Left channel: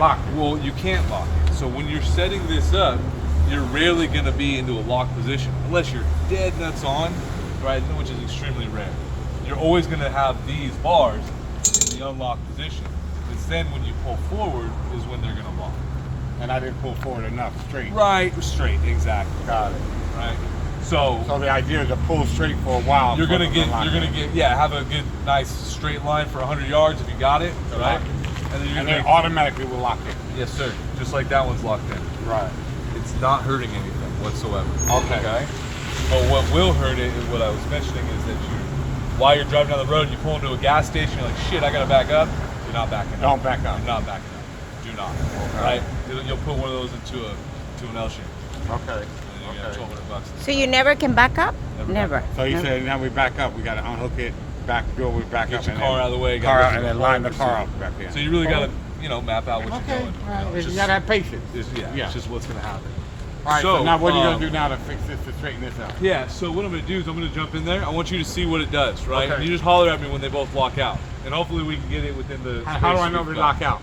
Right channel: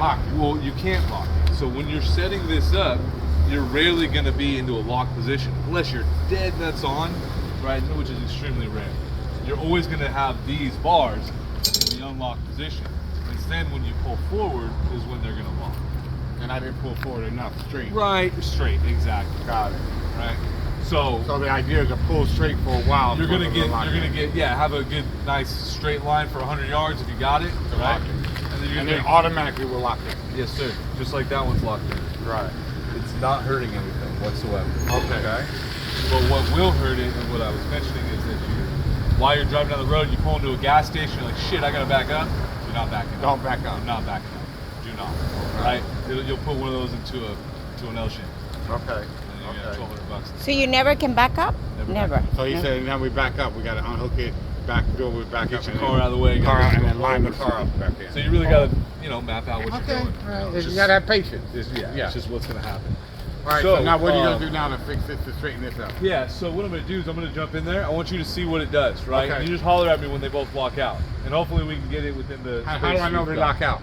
lock it. Well, you can't lock it. So when you're setting this up, you're rarely going to be into a locked position unless you're dead nuts on, right? Which is extremely rare. You're always going to have these bars in the unlocked position. It's then when you pull forward is when they're going to lock. And I didn't pull forward enough, straight. Right, straight, exactly. Got it. Right. So the idea is to pull straight for a while. You're gonna get, have a good, nice straight line for 100 yards if you got it, right? And then automatically will lock it. Yes, sir. Just like that one's locked in. Right. It's not hurting anything whatsoever. Okay. But what will hurt it is what I was mentioning is that while you're driving down the road, you pull into a gas station, you're like, shit, I gotta back up. You're not backing up. Don't back up. You're not backing up. Do not. Right? You'll put one of those into an L shape. Okay. So you never can back up? Never. So he said, now we back up. We got to unhook it, back door, we back get up. Get your car out of the way. Car out, and then line the car up. So you really got to, map out what you're doing. All right. You got to have patience. It's just what's going to happen. All right, so now what are you going to do now to fix this, to straighten this out? Yeah, so what I'm going to do is I'm going to jump in there. I want you to see what it does, right? Okay. And you just holler at me when they both lock out. And hopefully we can get it within the... How do I know they lock out?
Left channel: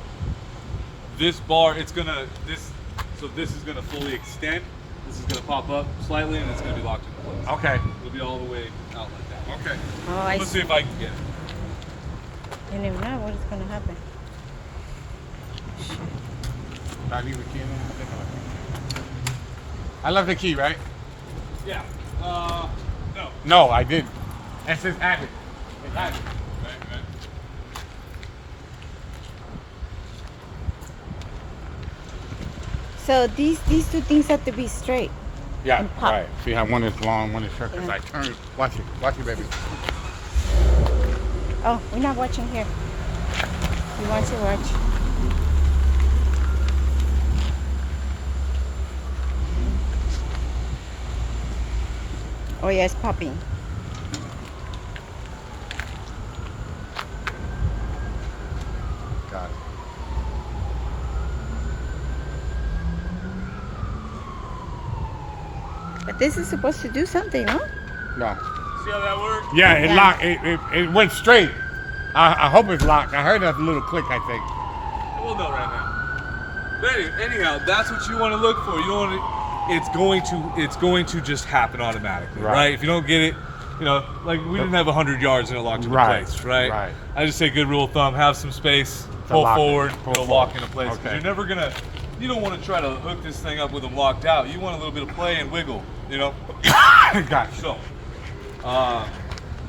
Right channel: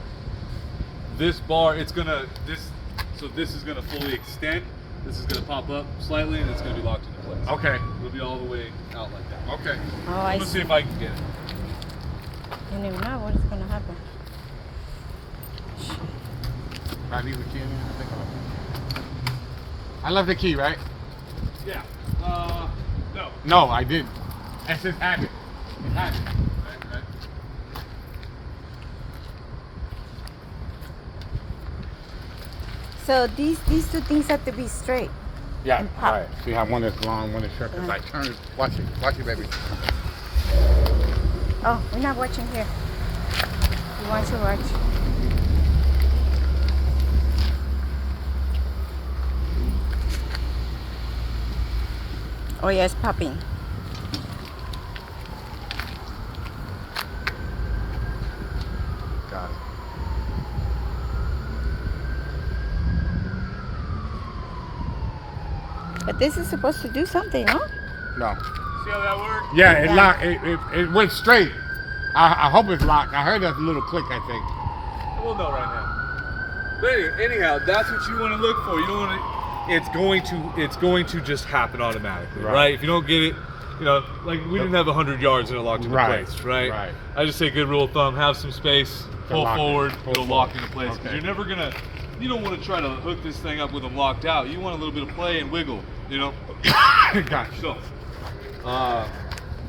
This bar, it's going to... So this is going to fully extend. This is going to pop up slightly, and it's going to be locked into place. Okay. It'll be all the way out like that. Okay. Oh, Let's see if I can get it. You don't even know what is going to happen. I leave the key. I left the key, right? Yeah. No. No, I didn't. That's just habit. It's habit. Right. So these two things have to be straight. Yeah, and pop. right. See how one is long, one is short. It's like turn. Watch it, baby. Oh, we're not watching here. You want to watch? Oh yeah, it's popping. Got it. But this is supposed to do something, no? No. See how that works? Yeah, it locked. It went straight. I hope it's locked. I heard that little click, I think. We'll know right now. But anyhow, that's what you want to look for. You don't want to... It's going to just happen automatically, right? If you don't get it, like we didn't have 100 yards and it locked into place, right? Right. I just say good rule of thumb: have some space, pull forward, it'll lock into place. Because you're never gonna, you don't want to try to hook this thing up with them locked out. You want a little bit of play and wiggle, Gotcha.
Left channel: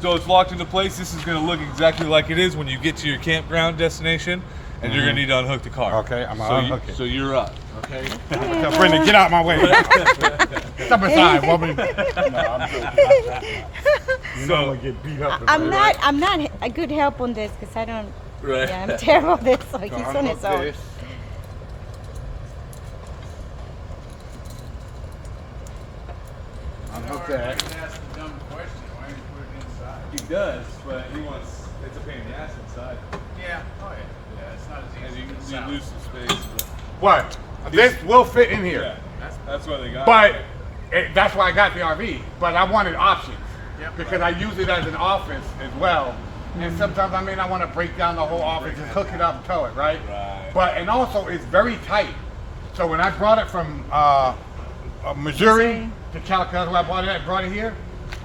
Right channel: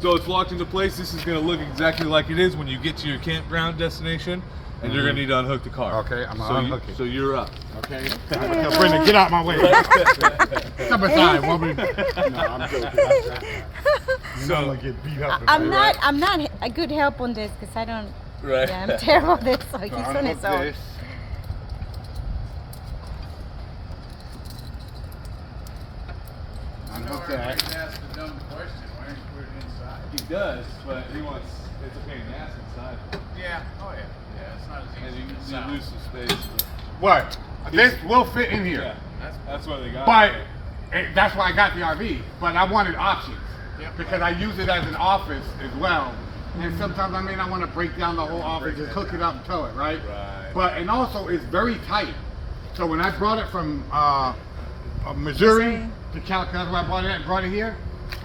So it's locked into place. This is gonna look exactly like it is when you get to your campground destination, and you're gonna need to unhook the car. Okay, I'm gonna unhook it. So you're up. Okay. Brendan, get out my way. Step aside, woman. No, I'm joking. So get beat up. I'm not a good help on this because I don't. Right. Yeah, I'm terrible at this. So he's on his own. This. Unhook that. He asked a dumb question. Why didn't you put it inside? He does, but he wants. It's a pain in the ass inside. Yeah. Oh yeah. Yeah. It's not as And easy. you lose some space. What? This will fit in here. Yeah, that's why they got But it. that's why I got the RV. But I wanted options. Yep. Because I use it as an office as well. And sometimes I may not want to break down the whole office, just hook it up and tow it, right? Right. But, and also it's very tight. So when I brought it from Missouri to California, I brought it here,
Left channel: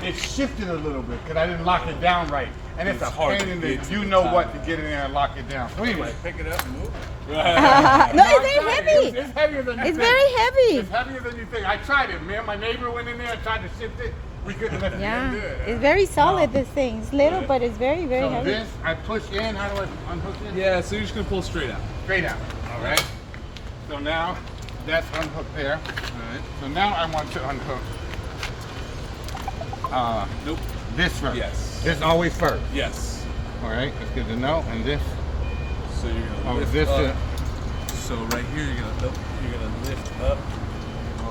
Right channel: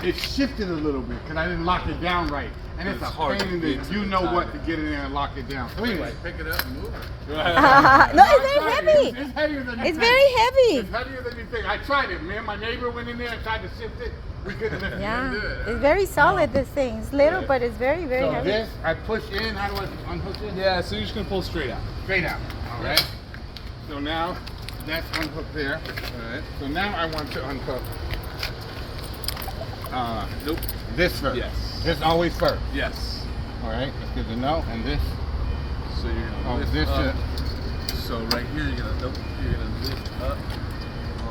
it shifted a little bit because I didn't lock it down right. And it's a hard pain to in the, get to you the know top. what to get in there and lock it down. So anyway, Pick it up and move it. No, it's very heavy. It's heavier than you It's think. very heavy. It's heavier than you think. I tried it, man. My neighbor went in there and tried to shift it. We couldn't lift Yeah, it. it's very solid. This thing. It's little, but it's very, very So heavy. this, I push in. How do I unhook it? Yeah, so you're just gonna pull straight out. Straight out. All right. So now that's unhooked there. All right. So now I want to unhook. Nope. This first. Yes. This always first. Yes. All right. That's good to know. And this. So you're gonna lift this. up. So right here you're gonna lift up.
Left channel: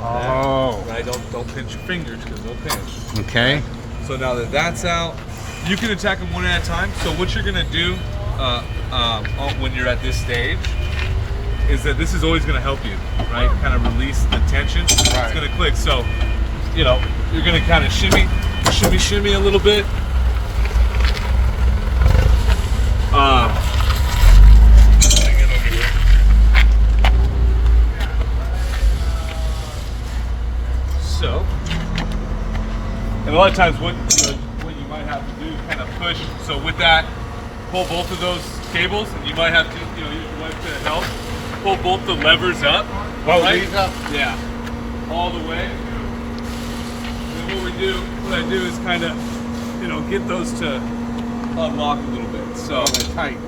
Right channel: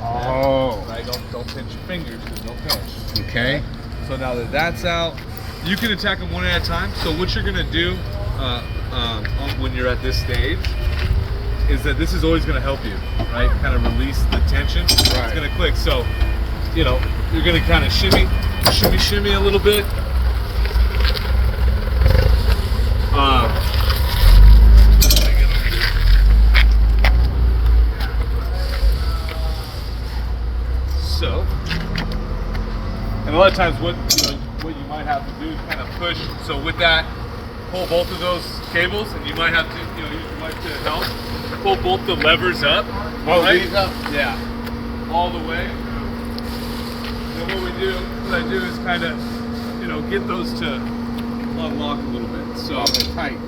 Oh. Right. Don't pinch your fingers because no pinch. Okay. So now that that's out, you can attack them one at a time. So what you're gonna do when you're at this stage is that this is always gonna help you, right? Kind of release the tension. It's gonna click. So, you're gonna kind of shimmy a little bit. And a lot of times what you might have to do is kind of push. So with that, pull both of those cables, and you might have to, use your wife to help. Pull both the levers up. Both these up? Yeah. All the way. And what I do is kind of, get those to unlock a little bit. So They're tight.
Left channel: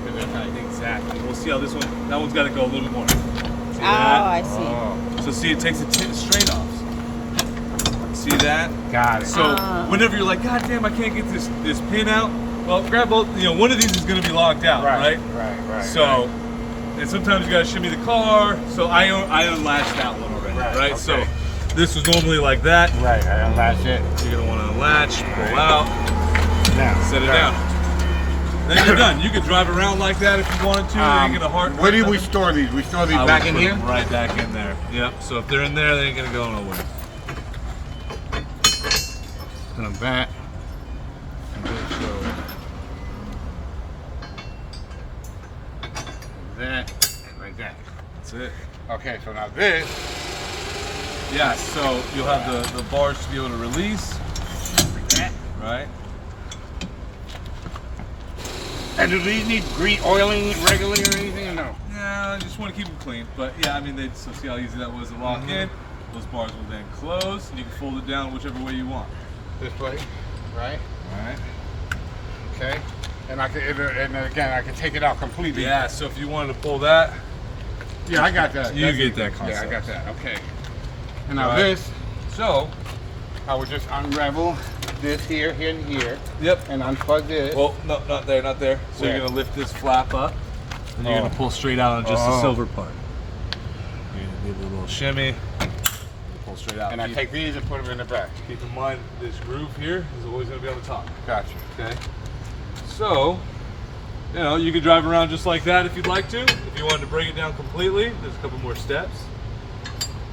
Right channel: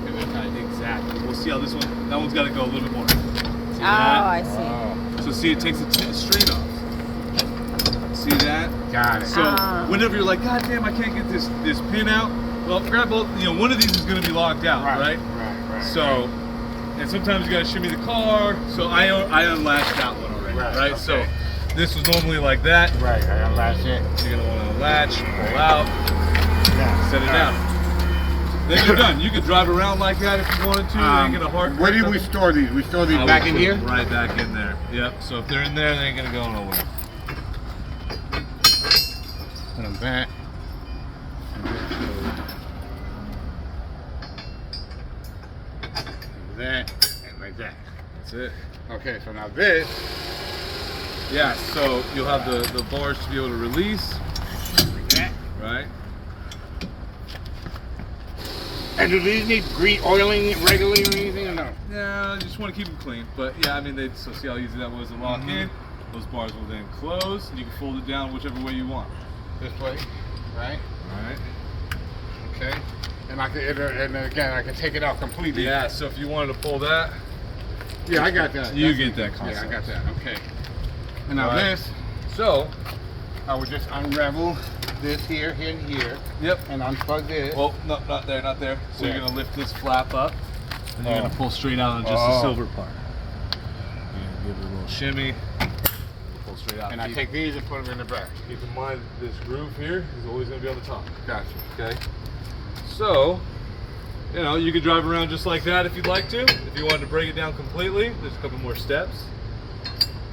exactly. We'll see how that one's got to go a little more. See Oh, that? I see. Oh, So see, it takes the string off. See that? got it. So whenever you're like, God damn, I can't get this pin out. Well, grab both. One of these is going to be locked out, right? Right. So, and sometimes you got to shimmy the car. So I unlatched that one already, right? Okay. So this was normally like that. Right, I unlatch it. You're going to want to unlatch, pull out, Now, set it down. Then you're done. You can drive around like that if you wanted to. You get a hard. Where do we store these? We store these back in here? Right back in there. Yep. So if they're in there, they ain't gonna go nowhere. Put them back. Like that, and like that. That's it. Okay, so now this. Yeah. So you'll have the bars to be able to release. Like that. Right. And do these need oiling regularly or anything or no? Yeah, I just want to keep them clean. But yeah, I mean, so see how easy that was to lock in. Those bars will then close, and you can fold it down whichever way you want. This way, right? All right. Okay. And I can, and again, I can take it out completely. Yeah. So if you wanted to pull that, Yeah, I got that. You That's get easy. that Yeah, I concept. got that. Okay. And now Right. this, so I would just unravel this here and here, yep. and unplug this. Well, no, not there, not there. So Where? you're gonna lift this flap up, and you're Oh. gonna pull straight out on just the Oh. silver part. You're gonna give it a little shimmy, pull straight out. And I take these and put them in the back. Keep in mind this groove here is always gonna be on the top. Gotcha. Okay. So, you could drive around just like that if you'd like to. If you wanted to break it down completely, there's a couple more steps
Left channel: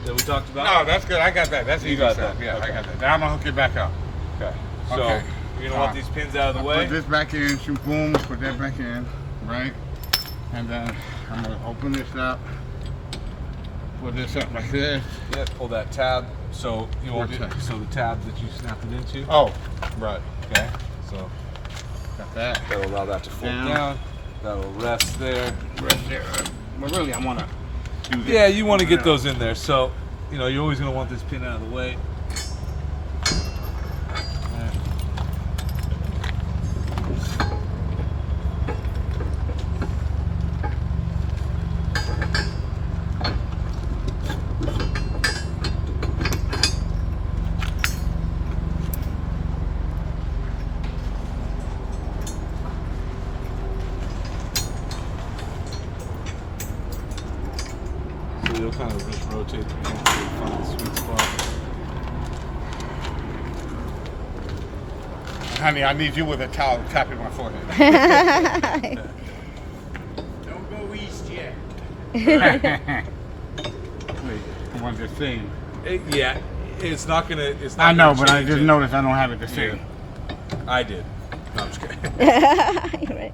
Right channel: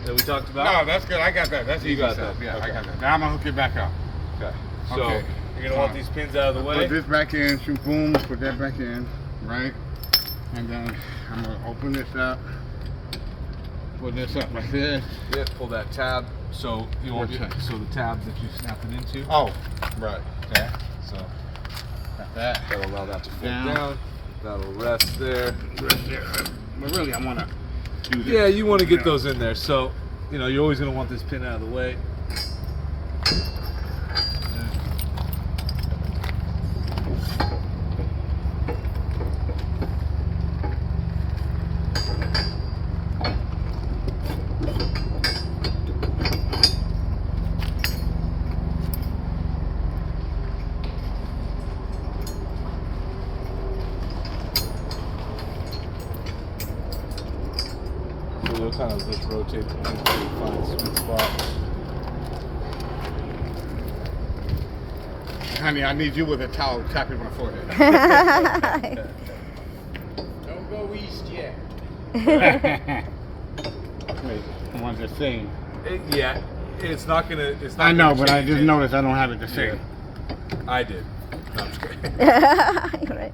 that we talked about. No, that's good. I got that. That's You easy got stuff. that. Yeah, Okay. I got that. Now I'm gonna hook it back up. Okay. So Okay. you're gonna want these pins out of the I'll way. put this back in, shoot, boom, put that back in, right? And then I'm gonna open this up, put this up like this. Yeah, pull that tab. So you want What's that? so the tab that you snapped it into. Oh, right. Okay. So Got that. that'll allow that to fold Down. down. That'll rest there. Right there. But really, I wanna do this. Yeah, you want to get those in there. So you're always gonna want this pin out of the way. So you'll kind of just rotate the pin until you find the sweet spot. Honey, I need you with a towel tapping my forehead. Don't go east yet. Wait, the ones that sing. Yeah, it's not gonna. It's not. I know, gonna but I change just it. noticed I don't have it to sing. I did. No, I'm just kidding. You're right.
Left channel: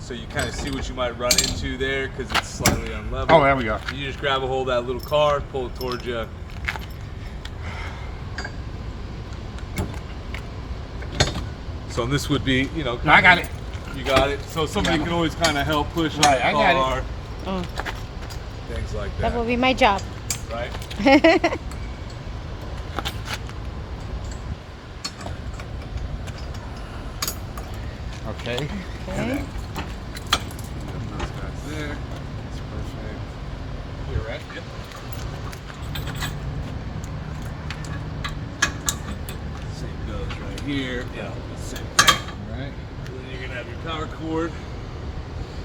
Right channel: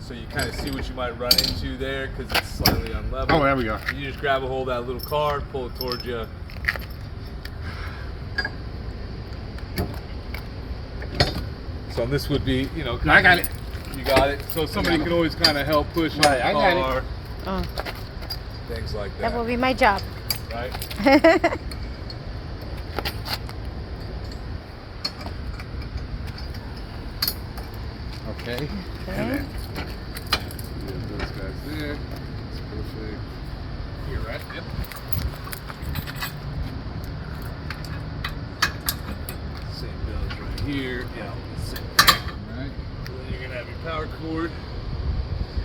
So you kind of see what you might run into there because it's slightly unlevel. Oh, there we go. You just grab a hold of that little card, pull it towards you. So this would be, I got it. You got it. So somebody Yeah. can always kind of help push Right, on the I got it. car, Oh, things like that. that will be my job. Right? Okay. Okay. Those guys there. That's perfect. Here, right? Yep. Same bills right here. Yeah, same. Right. Then you're gonna have your power cord.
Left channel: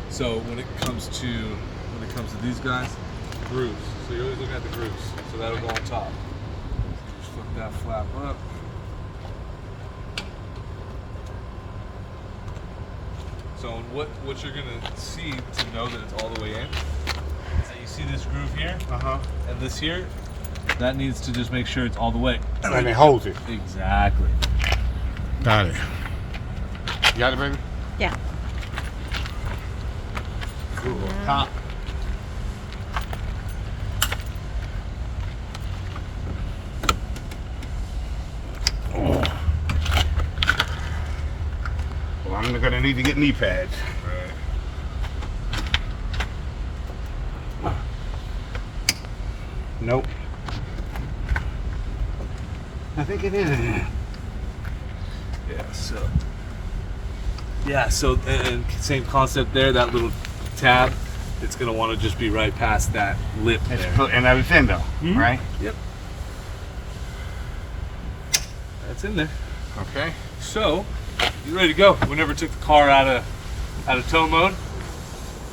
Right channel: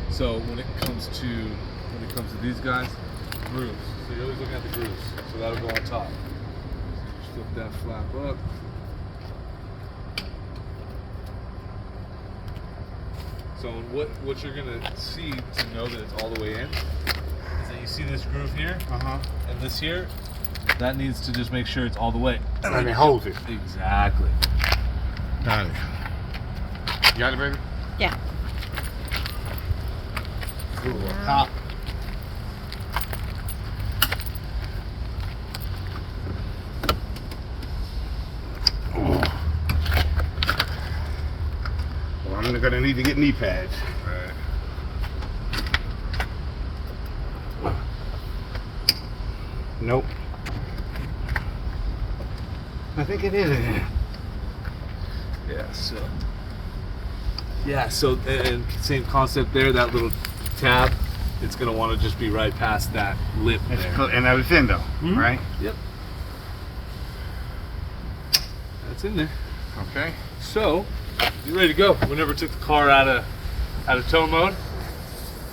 So when it comes to these guys, grooves. So you're always looking at the grooves. So that'll go on top. So you just flip that flap up. So what you're gonna see to know that it's all the way in is that you see this groove here and this here. That needs to just make sure it's all the way. And it holds it. Exactly. Got it. You got it, baby? Yeah. Cool. Top. gonna need to get knee pads. Right. Nope. I think it is. Yeah, so same concept there, that little tab, it's gonna wanna just be right past that lip there. And that was in though, right? Yep. That's in there. Okay. So, you ready to go? We never took the car out of tow mode.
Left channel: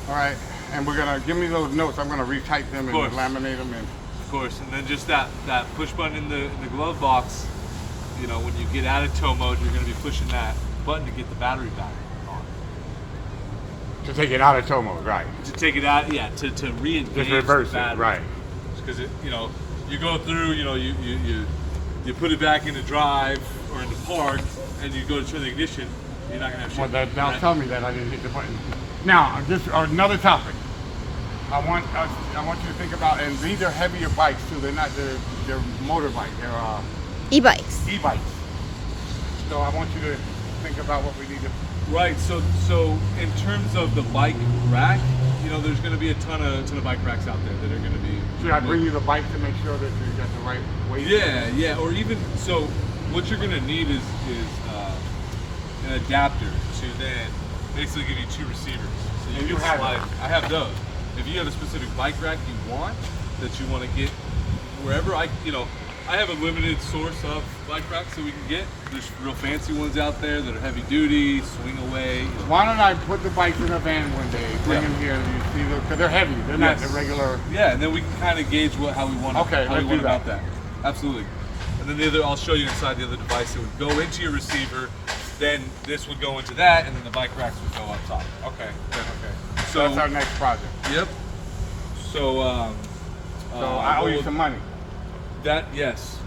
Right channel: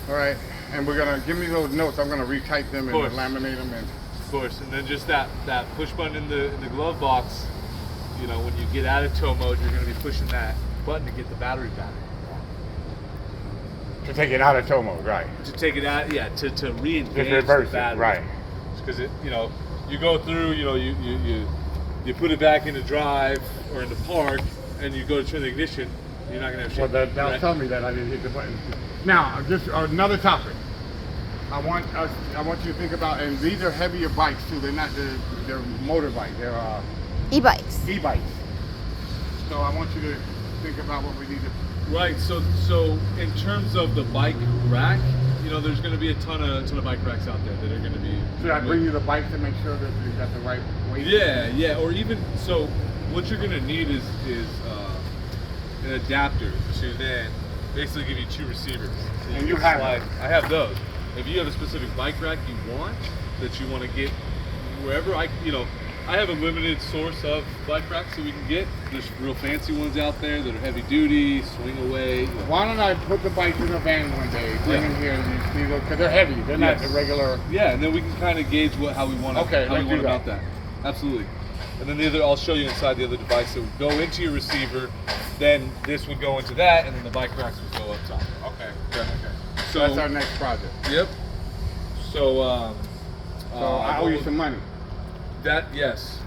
All right. And we're gonna give me those notes. I'm gonna retype them and course. laminate them. And Of course, and then just that push button in the glove box, you know, when you get out of tow mode, you're gonna be pushing that button to get the battery back on. to take it out of tow mode, right? To take it out, yeah, to re-engage Just reverse the it, battery. right? Because it, you know, you go through, you know, you put it back into drive or into park, and you go to turn the ignition. You're not gonna have Well, shit. they'll tell me that I didn't hit the button. Now, just another topic. I want you to think about, and these are heavier bikes too. They're not they're motorbikes. They're E-bikes. e-bikes. So I want you to think about what we need to. Right. So in terms of the bike rack, you know, there's going to be a ton of bike racks out there that are going to be. Should I bring you the bike to make sure that you got the right weight? Yeah. Or even so, what you're going to need is an adapter to then basically give you two receivers. So you can have slide. those. I have those. If you have a specific bike rack you want that you want to get wherever I have a limited source of bike racks that we can get. There's real fancy ones out there that are heavy duty, swing away. You know. Why don't I put the bikes in a van one day, bring them here, and you see them, because they're heavy. They're not the regular. Yeah, and then we can kind of gauge how we want Okay, how let's we do want that. about that. Absolutely. And then I'll show you inside the other device that would go into your receiver. Then this would go into that, and then the bike racks would go up top. Okay. Yeah, okay. So That's our next project. Yep. So So I owe you some money. That yes.